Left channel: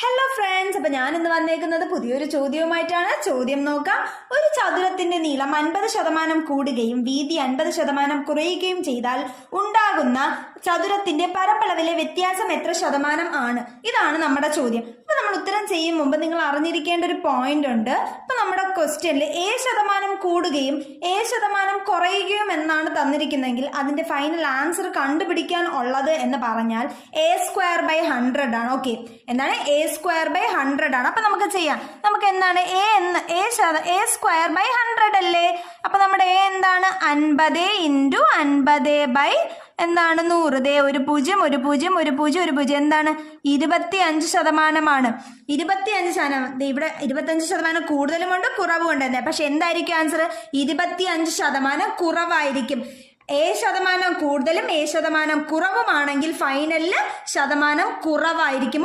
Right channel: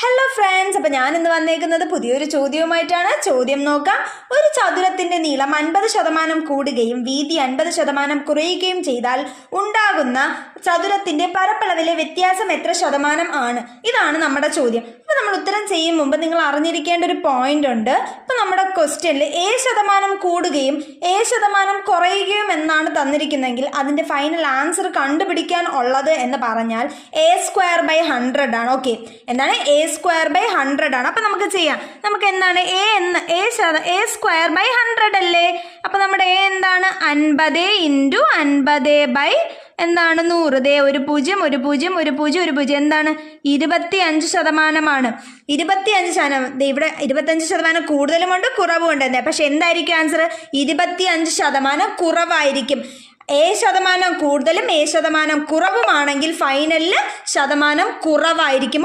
Hello friends, അപ്പോൾ ഞാൻ ഇന്ന് വന്നേക്കുന്നത് പുതിയൊരു ചോദ്യവുമായിട്ടാണ്. ചോദ്യം നോക്കാം. ഒരു ചതുരത്തിന്റെ നീളം 50% കൂടുകയും വീതി 50% കുറയുകയും ചെയ്താൽ ഉണ്ടാകുന്ന ചതുരത്തിന്റെ പരപ്പളവിലെ വ്യത്യാസം എത്ര ശതമാനം ആണ്? ഇതാണ് നമ്മുടെ ചോദ്യം. അപ്പോൾ നമ്മൾ ഉത്തരം ചെയ്യും മുമ്പ് നിങ്ങൾ അറിഞ്ഞിരിക്കേണ്ട ഒരു പോയിന്റ് ഉണ്ട്. ഇപ്പോൾ നമ്മുടെ ക്വസ്റ്റ്യനിൽ ശതമാനം കൂടുകയും ശതമാനം കുറയുകയും എന്നാണ് തന്നിരിക്കുന്നതെങ്കിൽ അതിന്റെ ഫൈനൽ ആൻസർ കണ്ടുപിടിക്കാൻ ഉള്ളത് എന്ന് പറഞ്ഞാൽ a²/100 ആണ്. ഓക്കെ, എന്താണ് a²/100 ആണ്. അപ്പൊ നമുക്ക് ചെയ്യാം. നമുക്ക് എന്താണ് a²/100 അല്ലേ? അപ്പൊ നമ്മുടെ a എന്താണ്? 50 × 50 എന്താണ് 100. ദേ ഒരു 0 1 0 1 0 1 0 എന്താണ്? 25%. 25%. ഇവിടെ 25% കൂടുതലുമുണ്ട് കുറവുമുണ്ട്. പക്ഷെ എന്തായിരിക്കും ആൻസർ? 25% കുറവായിരിക്കും. ശതമാനം കൂടുതലും ശതമാനം കുറവുമാണെങ്കിൽ ഫൈനലിൽ ശതമാനം കുറവായിരിക്കും.